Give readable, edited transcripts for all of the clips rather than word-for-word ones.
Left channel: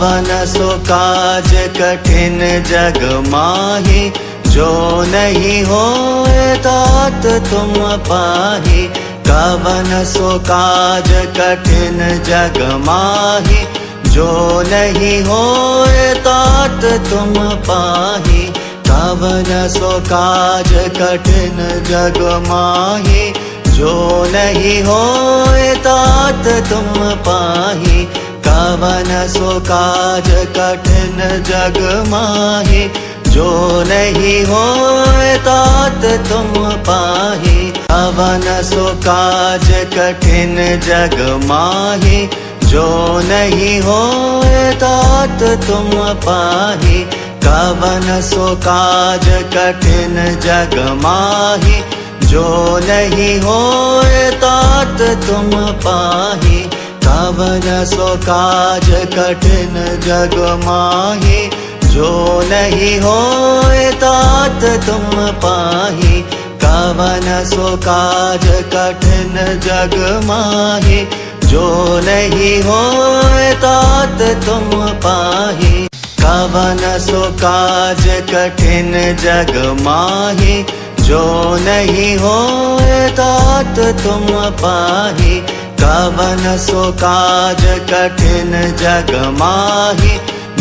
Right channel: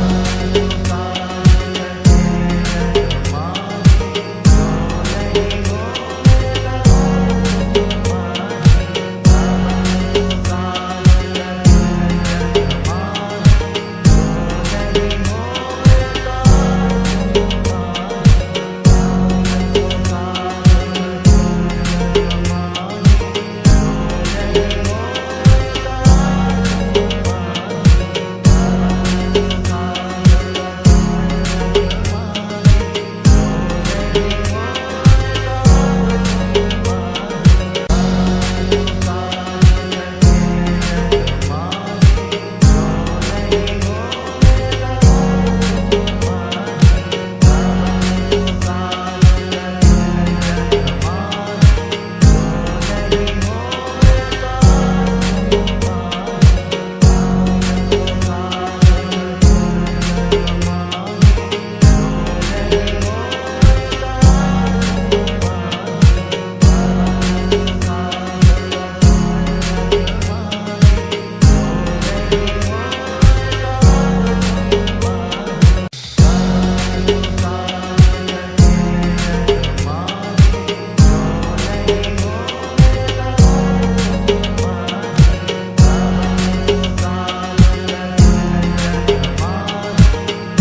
कवन सो काज कठिन जग माही, जो नहीं होए तात तुम पाही। कवन सो काज कठिन जग माही, जो नहीं होए तात तुम पाही। कवन सो काज कठिन जग माही, जो नहीं होए तात तुम पाही। कवन सो काज कठिन जग माही, जो नहीं होए तात तुम पाही। कवन सो काज कठिन जग माही, जो नहीं होए तात तुम पाही। कवन सो काज कठिन जग माही, जो नहीं होए तात तुम पाही। कवन सो काज कठिन जग माही, जो नहीं होए तात तुम पाही। कवन सो काज कठिन जग माही, जो नहीं होए तात तुम पाही। कवन सो काज कठिन जग माही, जो नहीं होए तात तुम पाही। कवन सो काज कठिन जग माही,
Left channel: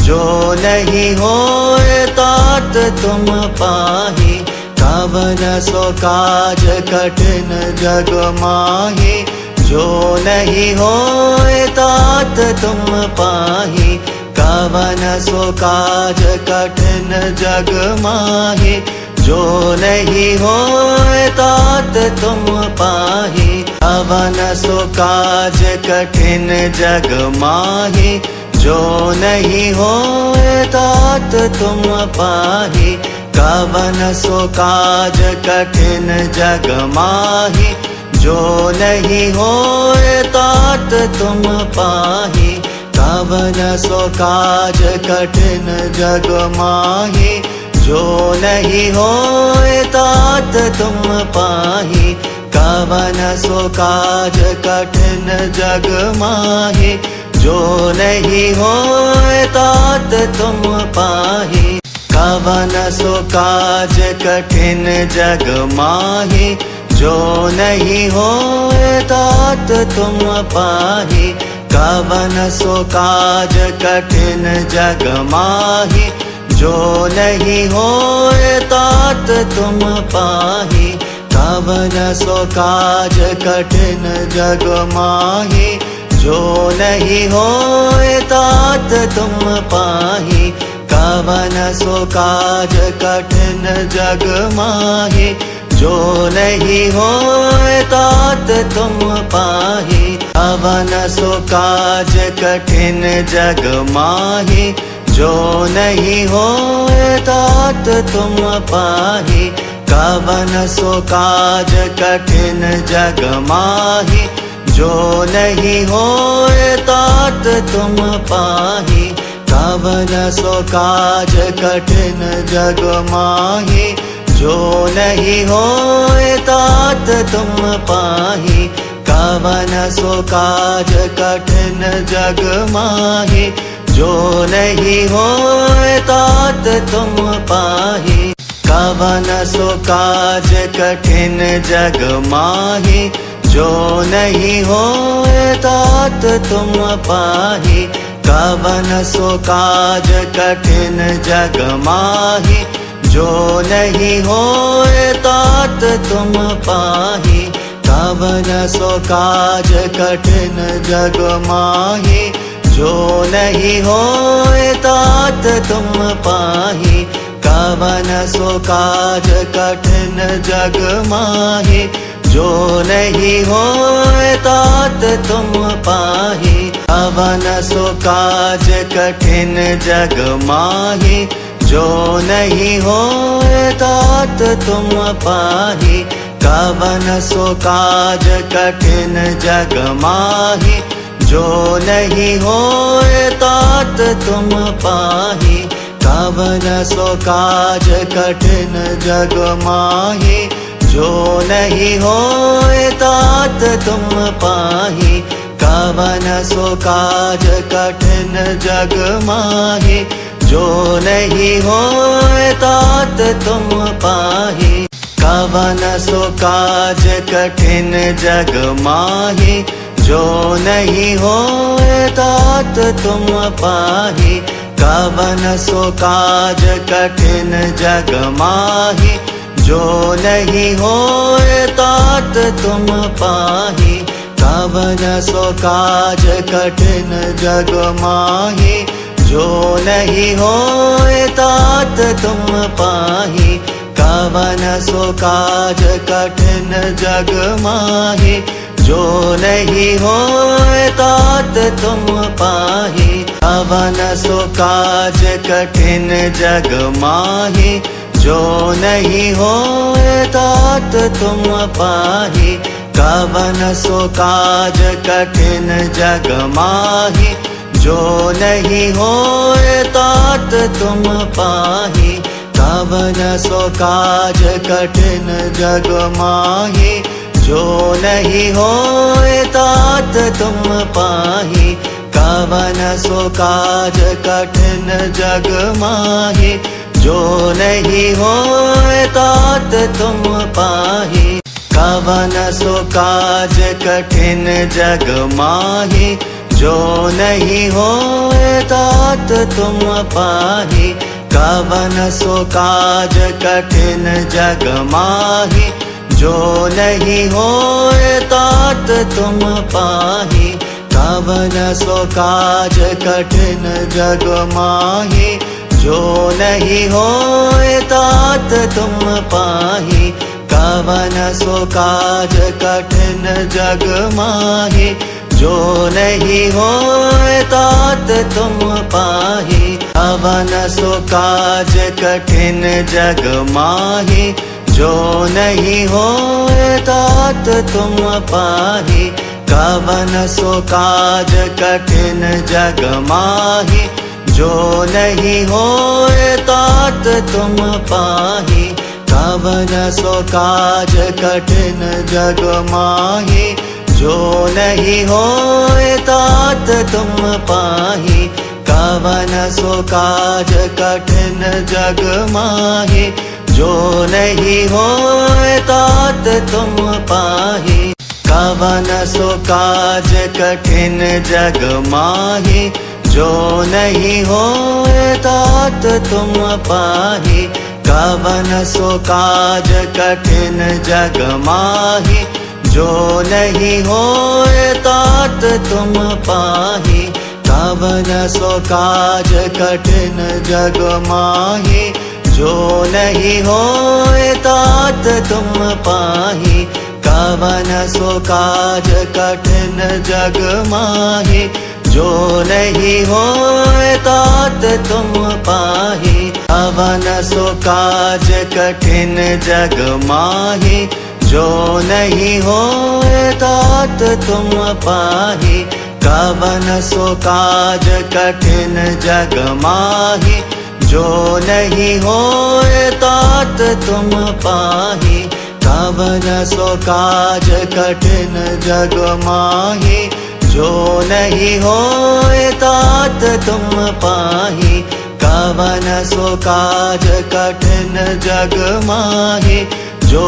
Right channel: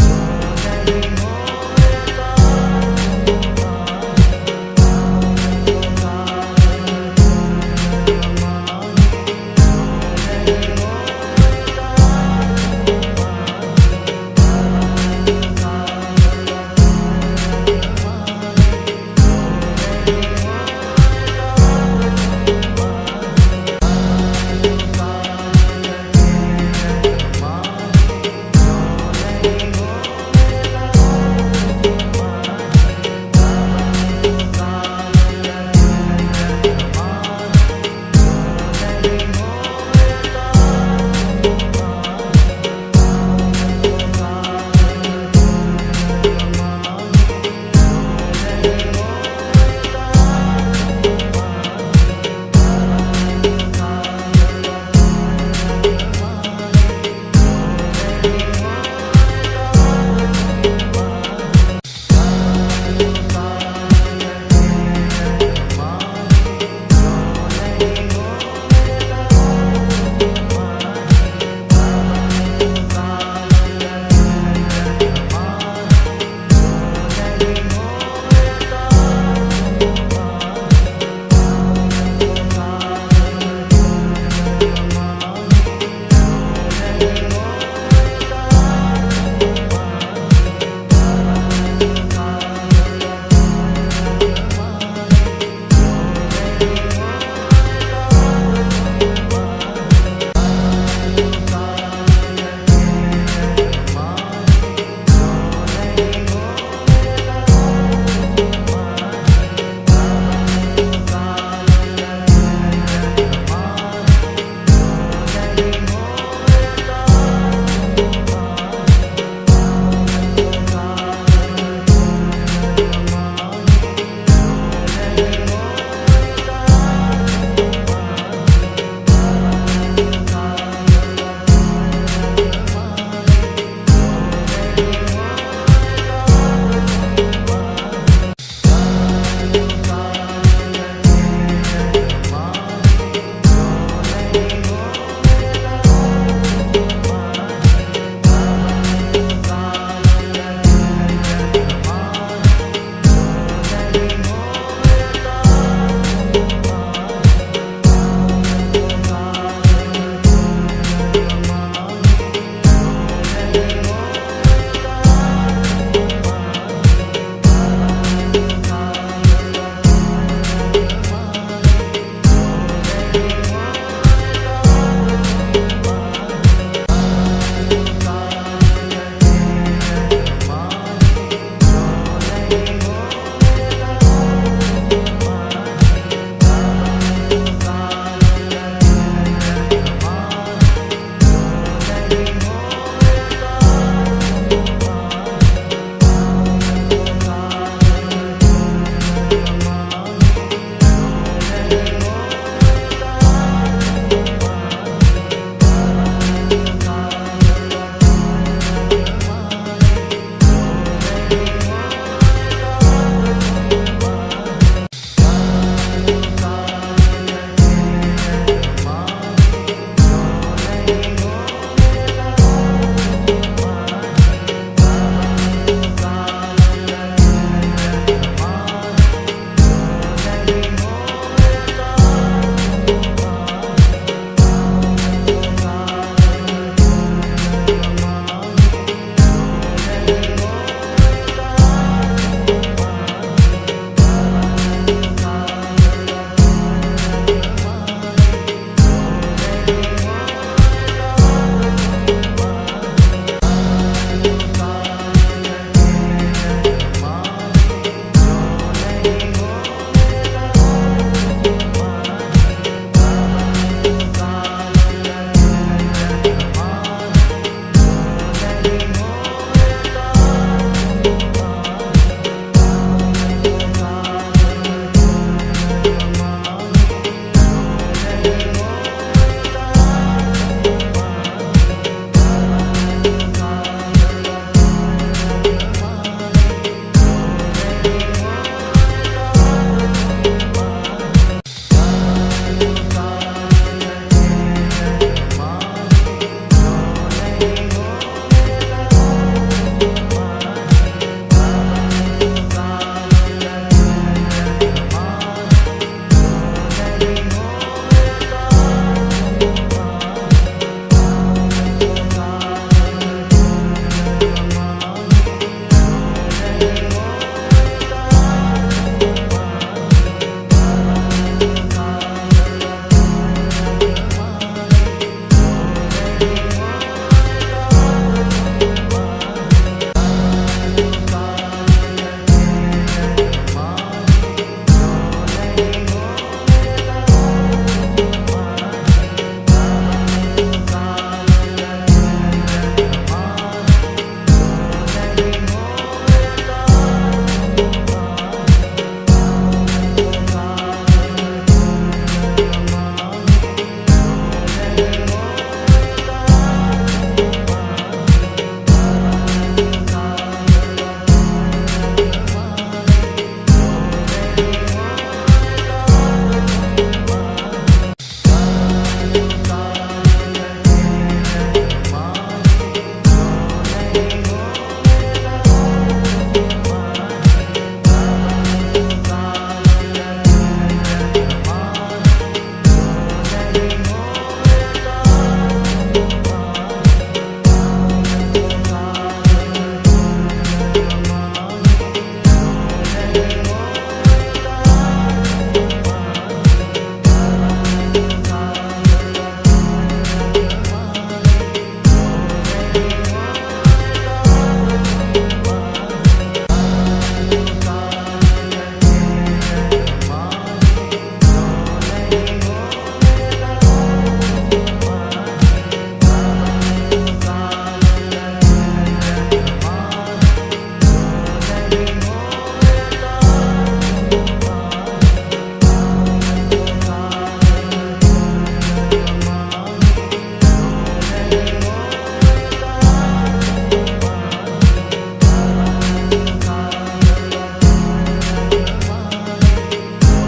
जो नहीं होए तात तुम पाही। कवन सो काज कठिन जग माही, जो नहीं होए तात तुम पाही। कवन सो काज कठिन जग माही, जो नहीं होए तात तुम पाही। कवन सो काज कठिन जग माही, जो नहीं होए तात तुम पाही। कवन सो काज कठिन जग माही, जो नहीं होए तात तुम पाही। कवन सो काज कठिन जग माही, जो नहीं होए तात तुम पाही। कवन सो काज कठिन जग माही, जो नहीं होए तात तुम पाही। कवन सो काज कठिन जग माही, जो नहीं होए तात तुम पाही। कवन सो काज कठिन जग माही, जो नहीं होए तात तुम पाही। कवन सो काज कठिन जग माही, जो नहीं होए तात तुम पाही। कवन सो काज कठिन जग माही, जो नहीं होए तात तुम पाही। कवन सो काज कठिन जग माही, जो नहीं होए तात तुम पाही। कवन सो काज कठिन जग माही, जो नहीं होए तात तुम पाही। कवन सो काज कठिन जग माही, जो नहीं होए तात तुम पाही। कवन सो काज कठिन जग माही, जो नहीं होए तात तुम पाही। कवन सो काज कठिन जग माही, जो नहीं होए तात तुम पाही। कवन सो काज कठिन जग माही, जो नहीं होए तात तुम पाही। कवन सो काज कठिन जग माही, जो नहीं होए तात तुम पाही। कवन सो काज कठिन जग माही, जो नहीं होए तात तुम पाही। कवन सो काज कठिन जग माही, जो नहीं होए तात तुम पाही। कवन सो काज कठिन जग माही, जो नहीं होए तात तुम पाही। कवन सो काज कठिन जग माही, जो नहीं होए तात तुम पाही। कवन सो काज कठिन जग माही। तुम पाहि। कवन सो काज कठिन जग माहि, जो नहीं होए तात तुम पाहि। कवन सो काज कठिन जग माहि, जो नहीं होए तात तुम पाहि। कवन सो काज कठिन जग माहि, जो नहीं होए तात तुम पाहि। कवन सो काज कठिन जग माहि, जो नहीं होए तात तुम पाहि। कवन सो काज कठिन जग माहि, जो नहीं होए तात तुम पाहि। कवन सो काज कठिन जग माहि, जो नहीं होए तात तुम पाहि। कवन सो काज कठिन जग माहि, जो नहीं होए तात तुम पाहि। कवन सो काज कठिन जग माहि, जो नहीं होए तात तुम पाहि। कवन सो काज कठिन जग माहि, जो नहीं होए तात तुम पाहि। कवन सो काज कठिन जग माहि, जो नहीं होए तात तुम पाहि। कवन सो काज कठिन जग माहि, जो नहीं होए तात तुम पाहि। कवन सो काज कठिन जग माहि, जो नहीं होए तात तुम पाहि। कवन सो काज कठिन जग माहि, जो नहीं होए तात तुम पाहि। कवन सो काज कठिन जग माहि, जो नहीं होए तात तुम पाहि। कवन सो काज कठिन जग माहि, जो नहीं होए तात तुम पाहि। कवन सो काज कठिन जग माहि, जो नहीं होए तात तुम पाहि। कवन सो काज कठिन जग माहि, जो नहीं होए तात तुम पाहि। कवन सो काज कठिन जग माहि, जो नहीं होए तात तुम पाहि। कवन सो काज कठिन जग माहि, जो नहीं होए तात तुम पाहि। कवन सो काज कठिन जग माहि, जो नहीं होए तात तुम पाहि। कवन सो काज कठिन जग माहि, जो नहीं होए तात तुम पाहि। कवन सो काज कठिन जग माहि, जो नहीं होए तात तुम पाहि। कवन सो काज कठिन जग माहि, जो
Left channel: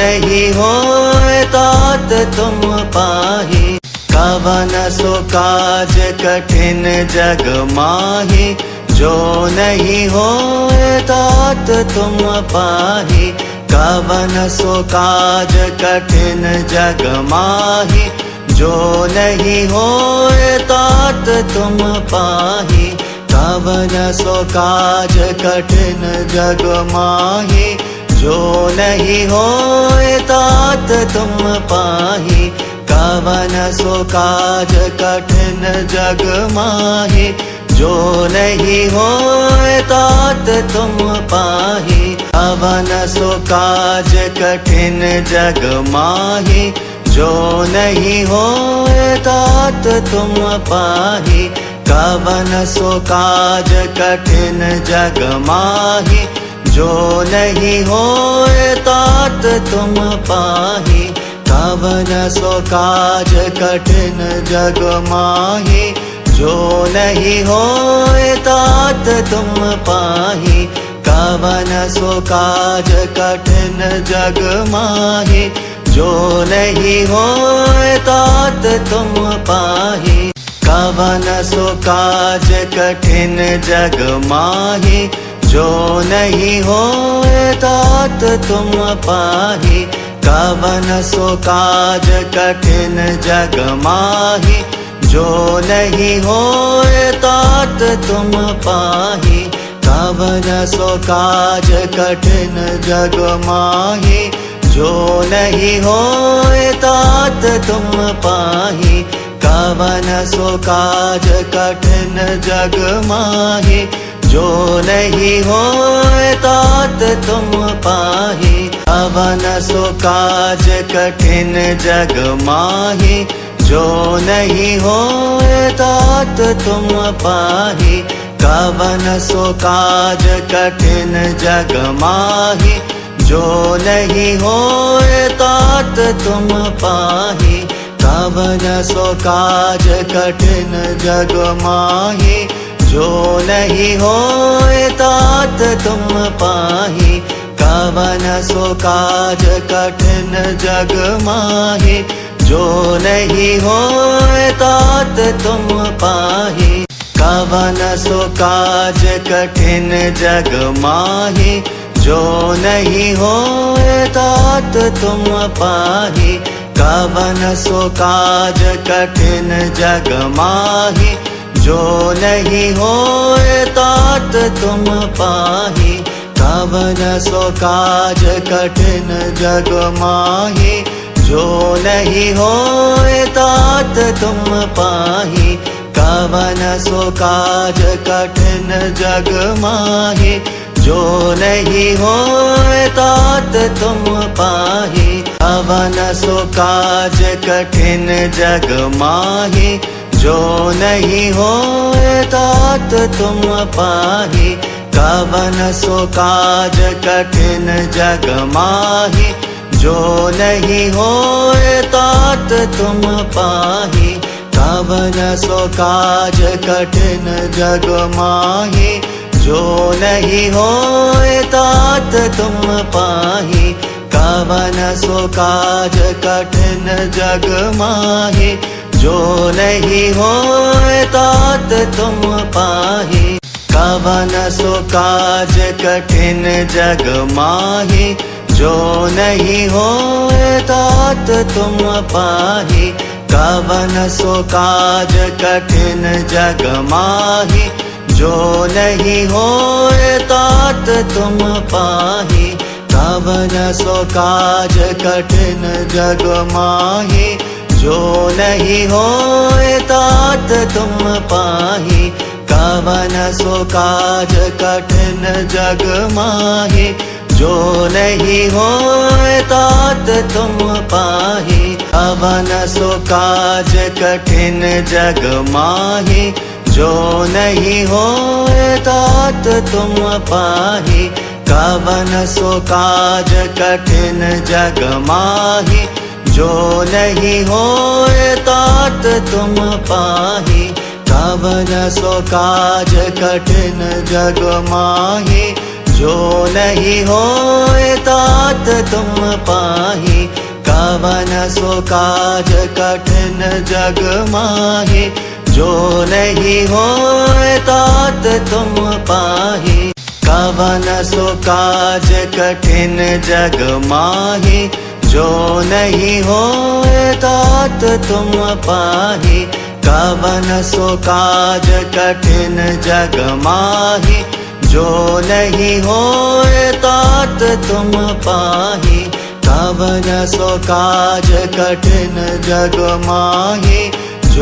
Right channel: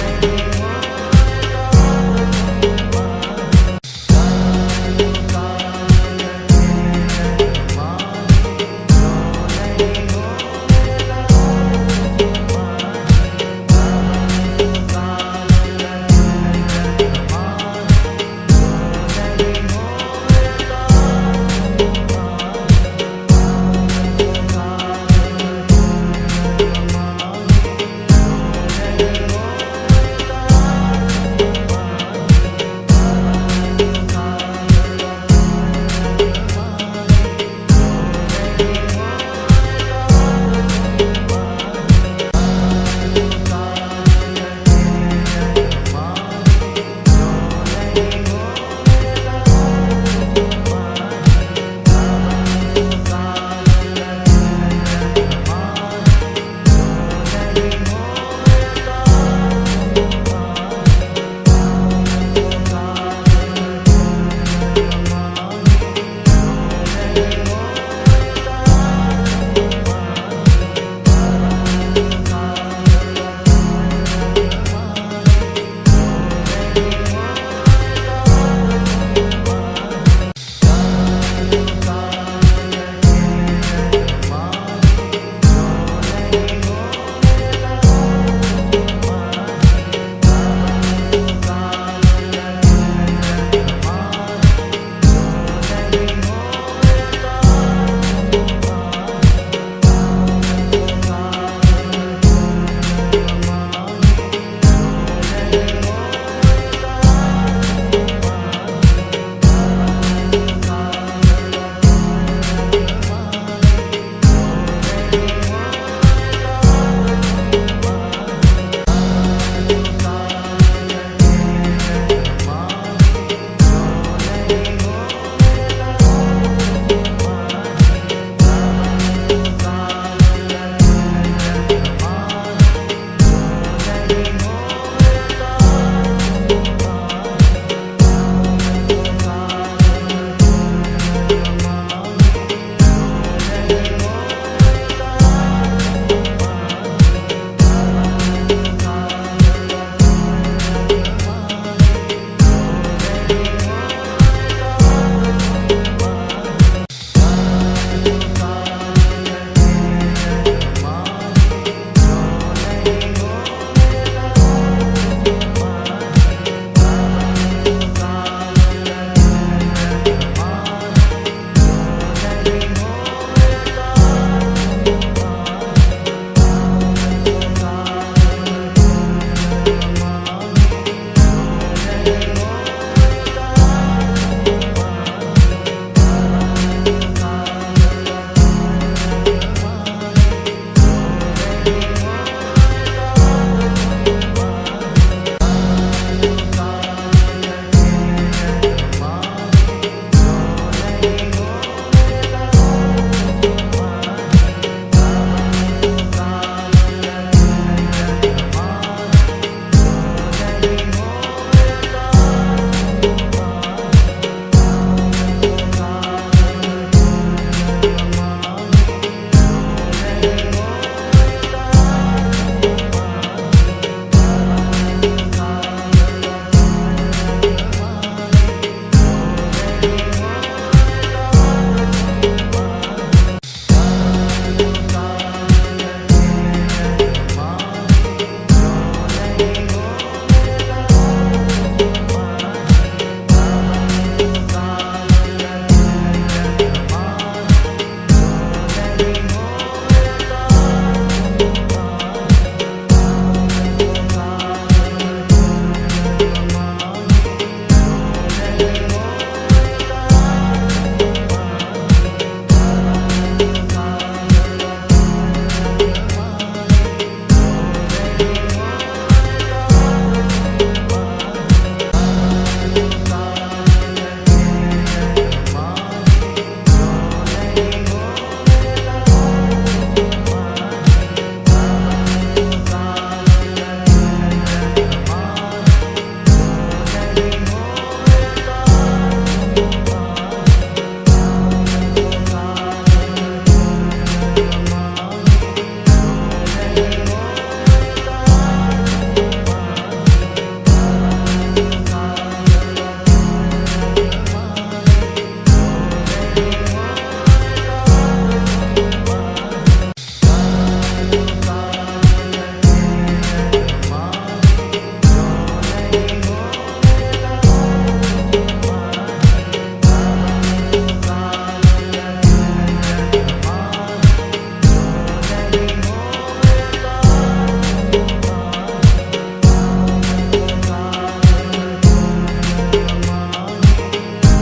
नहीं होए तात तुम पाहि। कवन सो काज कठिन जग माहि, जो नहीं होए तात तुम पाहि। कवन सो काज कठिन जग माहि, जो नहीं होए तात तुम पाहि। कवन सो काज कठिन जग माहि, जो नहीं होए तात तुम पाहि। कवन सो काज कठिन जग माहि, जो नहीं होए तात तुम पाहि। कवन सो काज कठिन जग माहि, जो नहीं होए तात तुम पाहि। कवन सो काज कठिन जग माहि, जो नहीं होए तात तुम पाहि। कवन सो काज कठिन जग माहि, जो नहीं होए तात तुम पाहि। कवन सो काज कठिन जग माहि, जो नहीं होए तात तुम पाहि। कवन सो काज जग माहि जो नहीं होए तात तुम पाहि कवन सो काज कठिन जग माहि जो नहीं होए तात तुम पाहि कवन सो काज कठिन जग माहि जो नहीं होए तात तुम पाहि कवन सो काज कठिन जग माहि जो नहीं होए तात तुम पाहि कवन सो काज कठिन जग माहि जो नहीं होए तात तुम पाहि कवन सो काज कठिन जग माहि जो नहीं होए तात तुम पाहि कवन सो काज कठिन जग माहि जो नहीं होए तात तुम पाहि कवन सो काज कठिन जग माहि जो नहीं होए तात तुम पाहि कवन सो काज कठिन जग माहि जो नहीं होए तात तुम पाहि कवन सो काज कठिन जग माहि जो नहीं होए तात तुम पाहि कवन सो काज कठिन जग माहि जो नहीं होए तात तुम पाहि कवन सो काज कठिन जग माहि जो नहीं होए तात तुम पाहि कवन सो काज कठिन जग माहि जो नहीं होए तात तुम पाहि कवन सो काज कठिन जग माहि जो नहीं होए तात तुम पाहि कवन सो काज कठिन जग माहि जो नहीं होए तात तुम पाहि कवन सो काज कठिन जग माहि जो नहीं होए तात तुम पाहि कवन सो काज कठिन जग माहि जो नहीं होए तात तुम पाहि कवन सो काज कठिन जग माहि जो नहीं होए तात तुम पाहि कवन सो काज कठिन जग माहि जो नहीं होए तात तुम पाहि कवन सो काज कठिन जग माहि जो नहीं होए तात तुम पाहि कवन सो काज कठिन जग माहि जो नहीं होए तात तुम पाहि कवन सो काज कठिन जग माहि जो नहीं होए तात तुम पाहि कवन सो काज कठिन जग माहि जो नहीं होए तात तुम पाहि कवन सो काज कठिन जग माहि जो नहीं होए तात तुम पाहि कवन सो काज कठिन जग माहि जो नहीं होए तात तुम पाहि कवन सो काज कठिन जग माहि जो नहीं होए तात तुम पाहि कवन सो काज कठिन जग माहि जो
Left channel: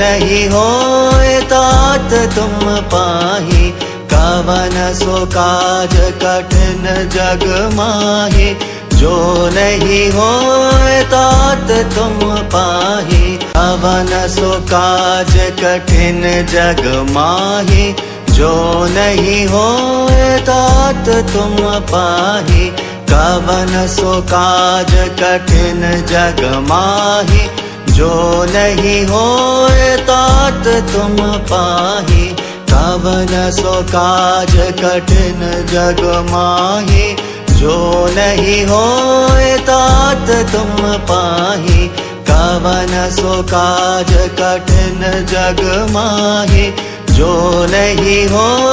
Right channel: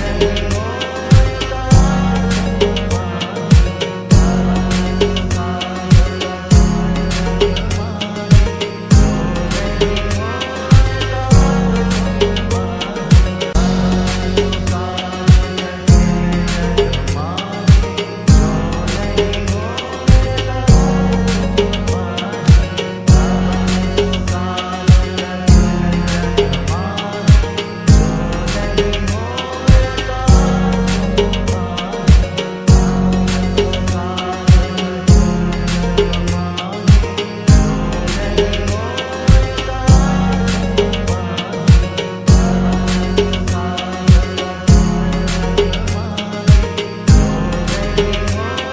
नहीं होए तात तुम पाहि कवन सो काज कठिन जग माहि जो नहीं होए तात तुम पाहि कवन सो काज कठिन जग माहि जो नहीं होए तात तुम पाहि कवन सो काज कठिन जग माहि जो नहीं होए तात तुम पाहि कवन सो काज कठिन जग माहि जो नहीं होए तात तुम पाहि कवन सो काज कठिन जग माहि जो नहीं हो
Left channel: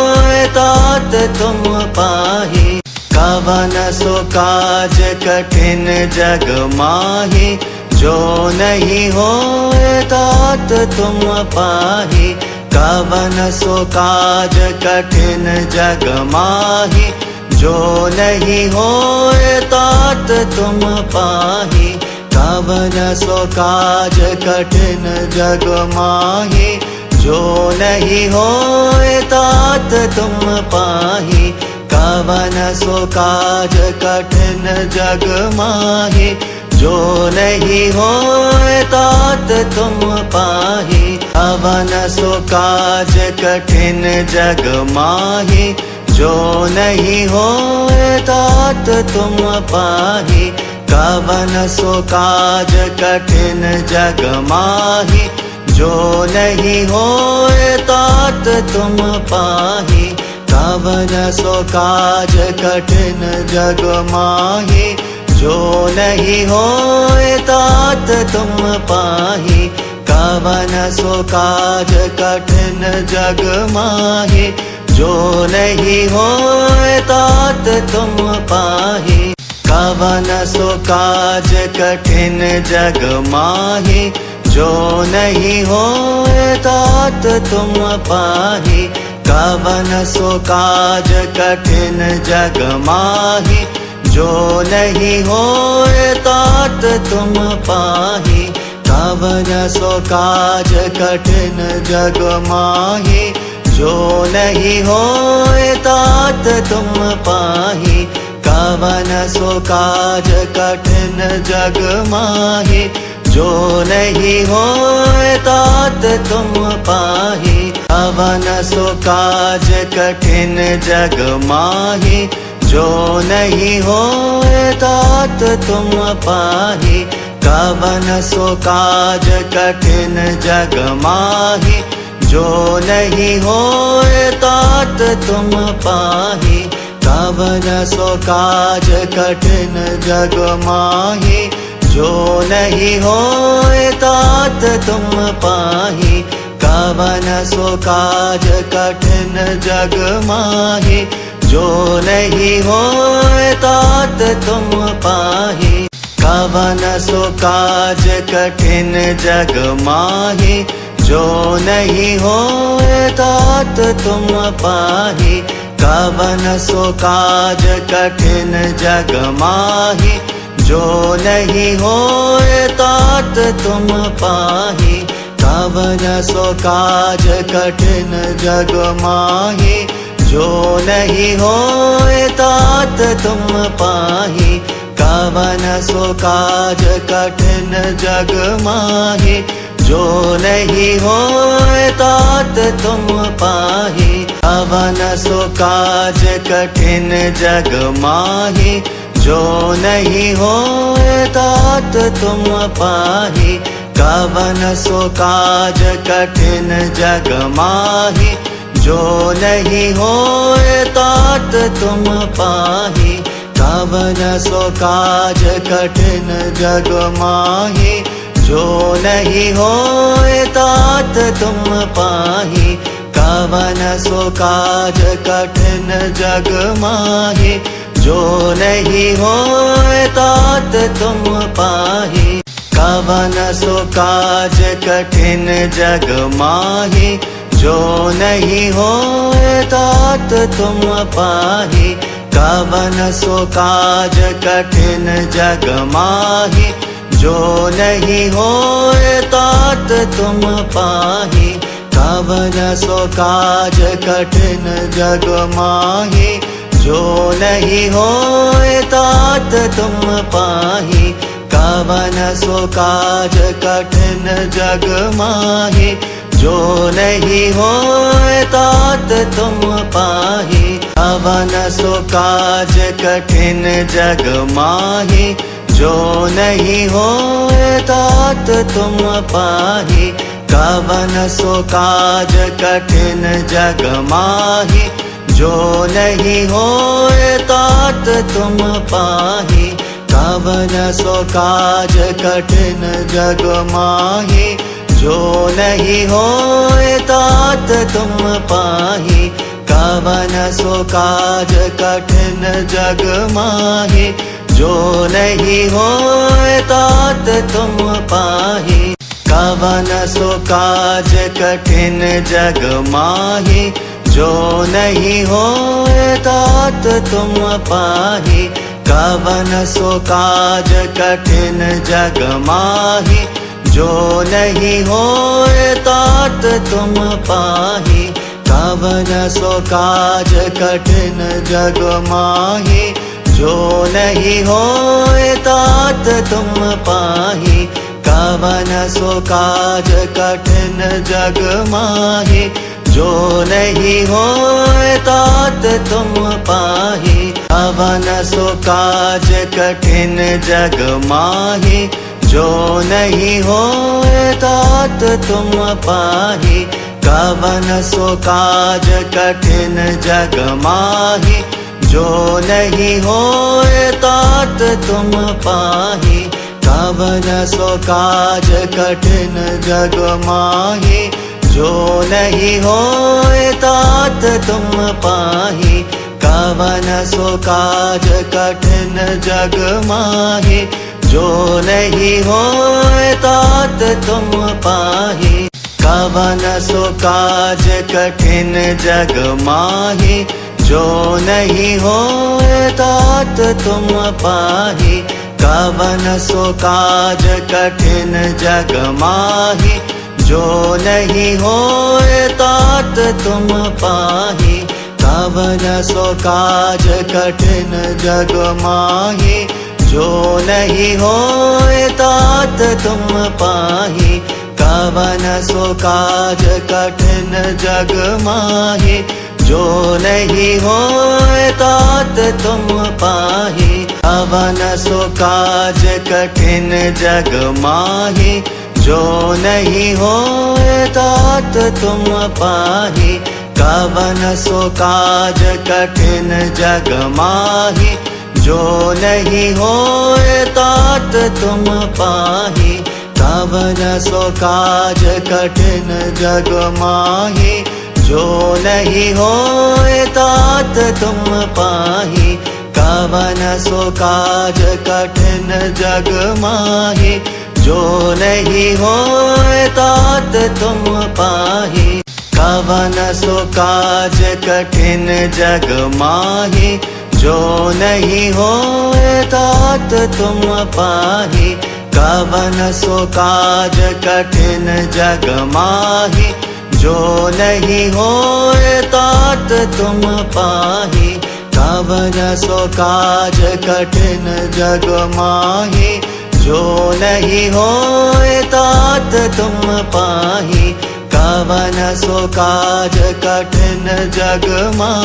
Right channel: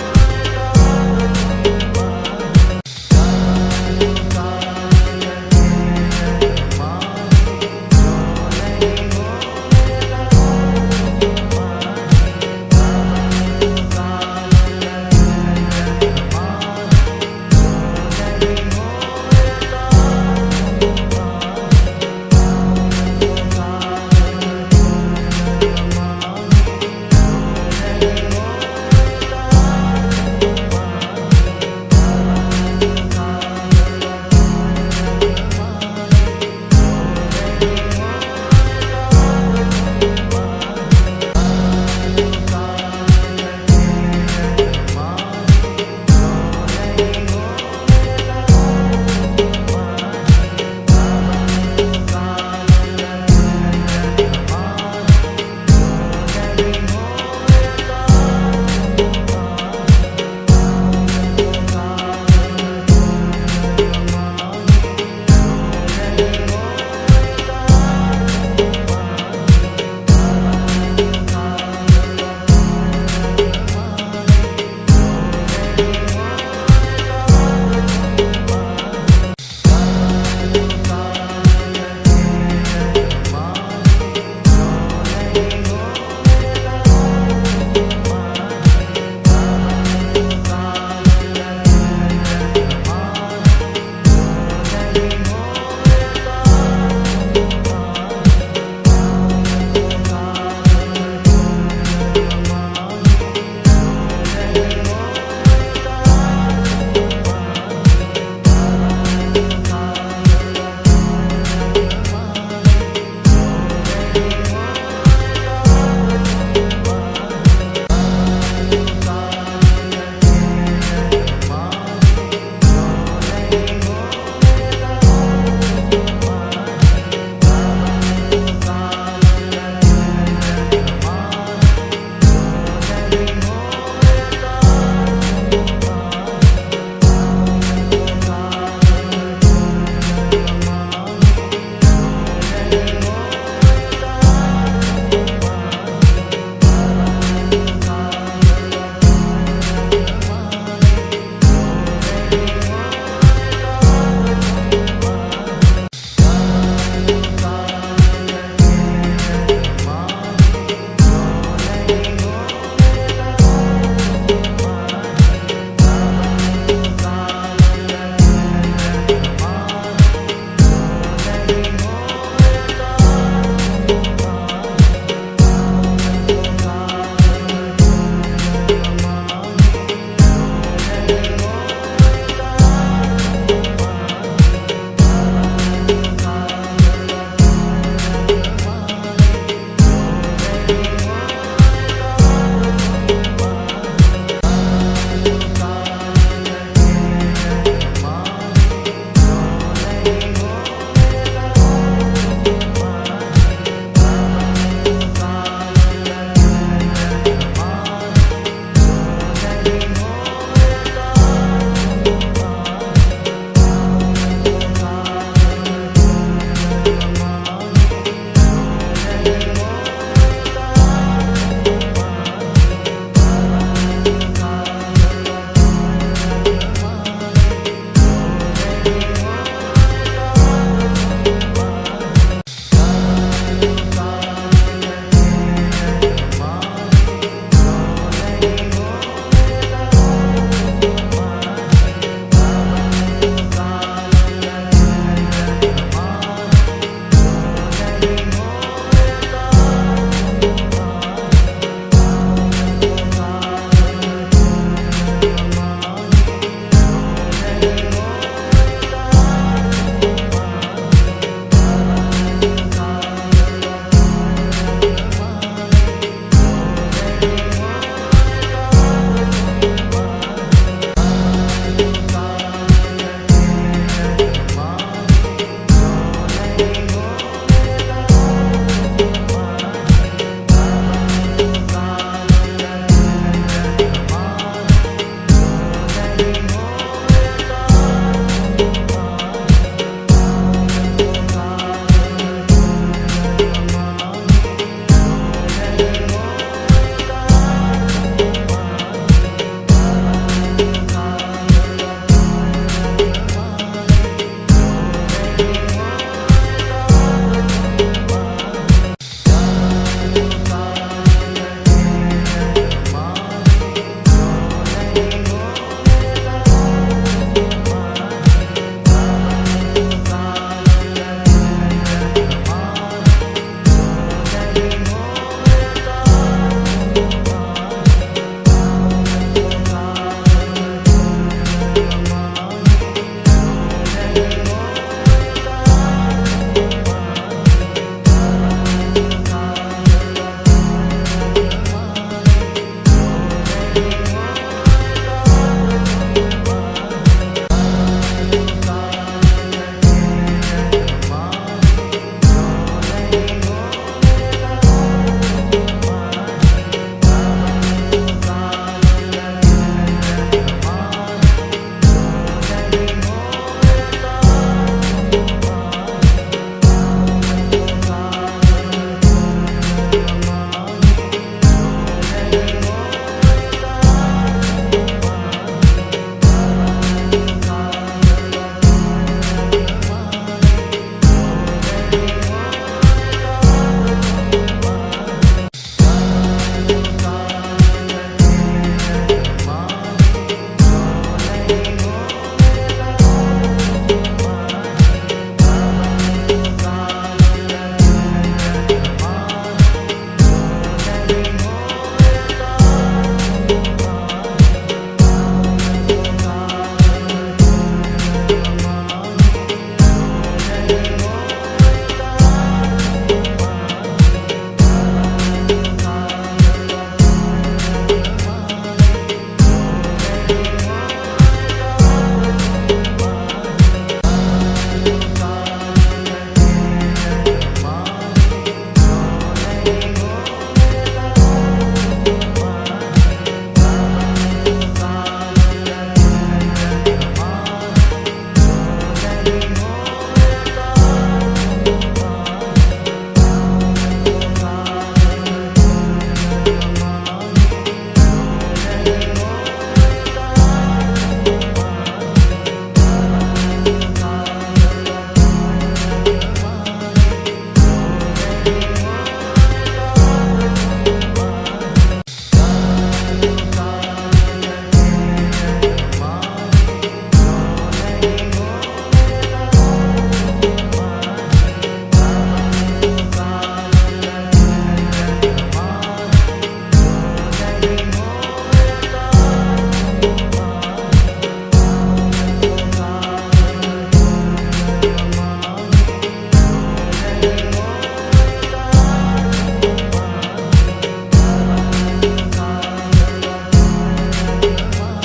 सो काज कठिन जग माही, जो नहीं होए तात तुम पाही। कवन सो काज कठिन जग माही, जो नहीं होए तात तुम पाही। कवन सो काज कठिन जग माही, जो नहीं होए तात तुम पाही। कवन सो काज कठिन जग माही, जो नहीं होए तात तुम पाही। कवन सो काज कठिन जग माही, जो नहीं होए तात तुम पाही। कवन सो काज कठिन जग माही, जो नहीं होए तात तुम पाही। कवन सो काज कठिन जग माही, जो नहीं होए तात तुम पाही। कवन सो काज कठिन जग माही, जो नहीं होए तात तुम पाही। कवन सो काज कठिन जग माही, जो नहीं होए तात तुम पाही। कवन सो काज कठिन जग माही, जो नहीं होए तात तुम पाही। कवन सो काज कठिन जग माही, जो नहीं होए तात तुम पाही। कवन सो काज कठिन जग माही, जो नहीं होए तात तुम पाही। कवन सो काज कठिन जग माही, जो नहीं होए तात तुम पाही। कवन सो काज कठिन जग माही, जो नहीं होए तात तुम पाही। कवन सो काज कठिन जग माही, जो नहीं होए तात तुम पाही। कवन सो काज कठिन जग माही, जो नहीं होए तात तुम पाही। कवन सो काज कठिन जग माही, जो नहीं होए तात तुम पाही। कवन सो काज कठिन जग माही, जो नहीं होए तात तुम पाही। कवन सो काज कठिन जग माही, जो नहीं होए तात तुम पाही। कवन सो काज कठिन जग माही, जो नहीं होए तात तुम पाही। कवन सो काज कठिन जग माही, जो नहीं होए तात तुम पाही। कवन सो काज कठिन जग माही, जो नहीं होए तात तुम पाही। कवन सो काज कठिन जग माही, जो नहीं होए तात तुम पाही। कवन सो काज कठिन जग माही, जो नहीं होए तात तुम पाही। कवन सो काज कठिन जग माही, जो नहीं होए तात तुम पाही। कवन सो काज कठिन जग माही, जो नहीं होए तात तुम पाही। कवन सो काज कठिन जग माही, जो नहीं होए तात तुम पाही। कवन सो काज कठिन जग माही, जो नहीं होए तात तुम पाही। कवन सो काज कठिन जग माही, जो नहीं होए तात तुम पाही। कवन सो काज कठिन जग माही, जो नहीं होए तात तुम पाही। कवन सो काज कठिन जग माही, जो नहीं होए तात तुम पाही। कवन सो काज कठिन जग माही, काज कठिन जग माही, जो नहीं होए तात तुम पाही। कवन सो काज कठिन जग माही, जो नहीं होए तात तुम पाही। कवन सो काज कठिन जग माही, जो नहीं होए तात तुम पाही। कवन सो काज कठिन जग माही, जो नहीं होए तात तुम पाही। कवन सो काज कठिन जग माही, जो नहीं होए तात तुम पाही। कवन सो काज कठिन जग माही, जो नहीं होए तात तुम पाही। कवन सो काज कठिन जग माही, जो नहीं होए तात तुम पाही। कवन सो काज कठिन जग माही, जो नहीं होए तात तुम पाही। कवन सो काज कठिन जग माही, जो नहीं होए तात तुम पाही। कवन सो काज कठिन जग माही, जो नहीं होए तात तुम पाही। कवन सो काज कठिन जग माही, जो नहीं होए तात तुम पाही। कवन सो काज कठिन जग माही, जो नहीं होए तात तुम पाही। कवन सो काज कठिन जग माही, जो नहीं होए तात तुम पाही। कवन सो काज कठिन जग माही, जो नहीं होए तात तुम पाही। कवन सो काज कठिन जग माही, जो नहीं होए तात तुम पाही। कवन सो काज कठिन जग माही, जो नहीं होए तात तुम पाही। कवन सो काज कठिन जग माही, जो नहीं होए तात तुम पाही। कवन सो काज कठिन जग माही, जो नहीं होए तात तुम पाही। कवन सो काज कठिन जग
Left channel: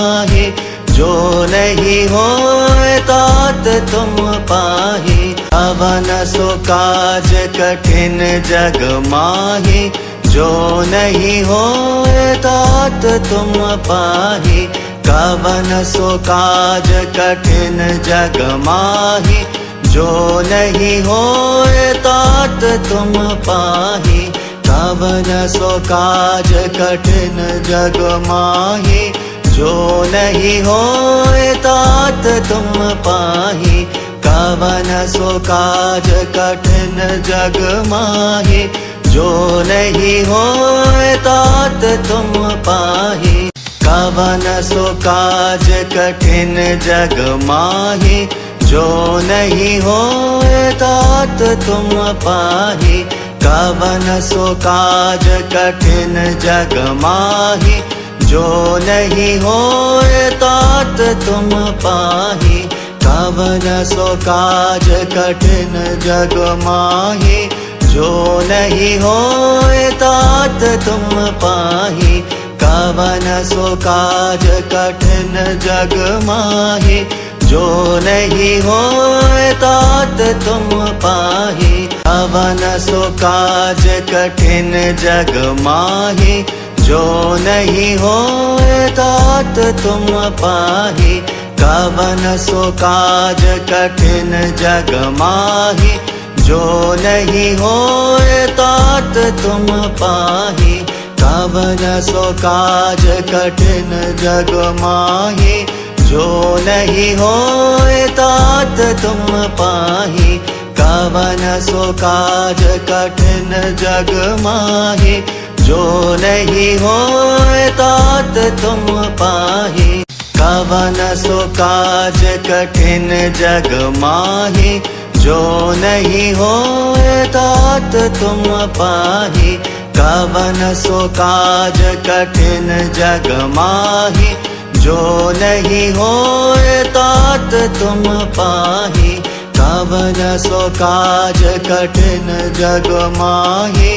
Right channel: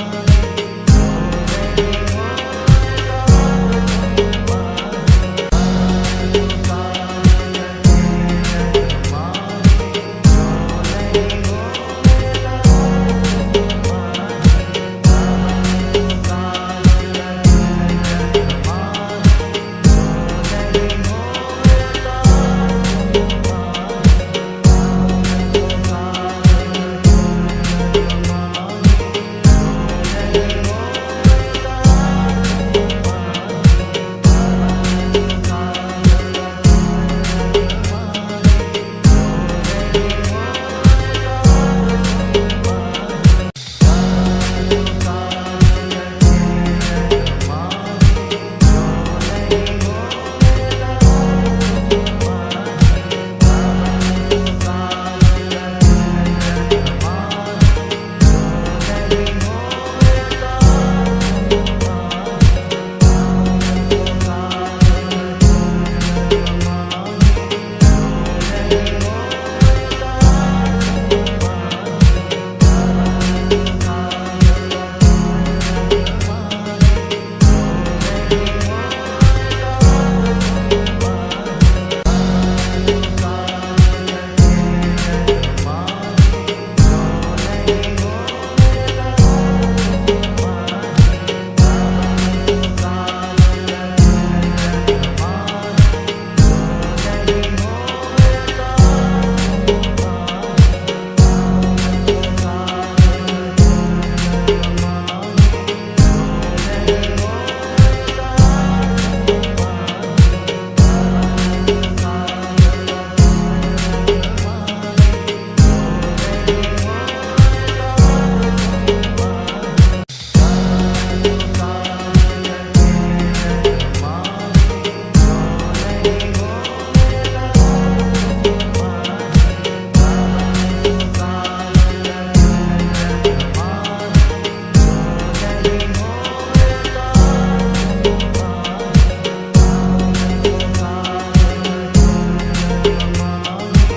माही, जो नहीं होए तात तुम पाही। कवन सो काज कठिन जग माही, जो नहीं होए तात तुम पाही। कवन सो काज कठिन जग माही, जो नहीं होए तात तुम पाही। कवन सो काज कठिन जग माही, जो नहीं होए तात तुम पाही। कवन सो काज कठिन जग माही, जो नहीं होए तात तुम पाही। कवन सो काज कठिन जग माही, जो नहीं होए तात तुम पाही। कवन सो काज कठिन जग माही, जो नहीं होए तात तुम पाही। कवन सो काज कठिन जग माही, जो नहीं होए तात तुम पाही। कवन सो काज कठिन जग माही, जो नहीं होए तात तुम पाही। कवन सो काज कठिन जग माही, जो नहीं होए तात तुम पाही। कवन सो काज कठिन जग माही, जो नहीं होए तात तुम पाही। कवन सो काज कठिन जग माही, जो नहीं होए तात तुम पाही। कवन सो काज कठिन जग माही, जो नहीं होए तात तुम पाही। कवन सो काज कठिन जग माही, जग माहि, जो नहीं होए तात तुम पाहि। कवन सो काज कठिन जग माहि,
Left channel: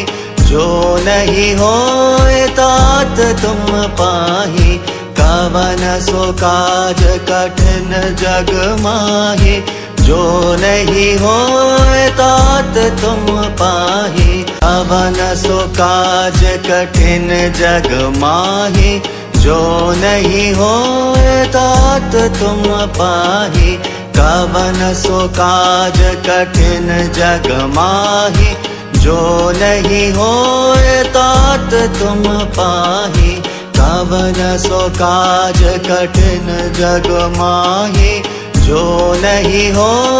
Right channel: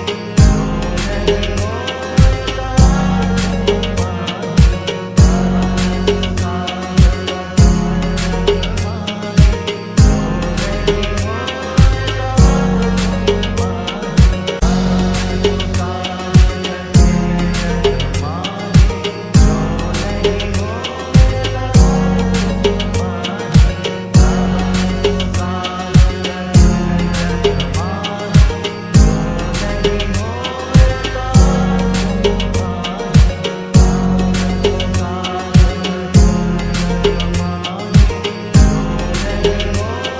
जो नहीं होए तात तुम पाहि। कवन सो काज कठिन जग माहि, जो नहीं होए तात तुम पाहि। कवन सो काज कठिन जग माहि, जो नहीं होए तात तुम पाहि। कवन सो काज कठिन जग माहि, जो नहीं होए तात तुम पाहि। कवन सो काज कठिन जग माहि, जो नहीं हो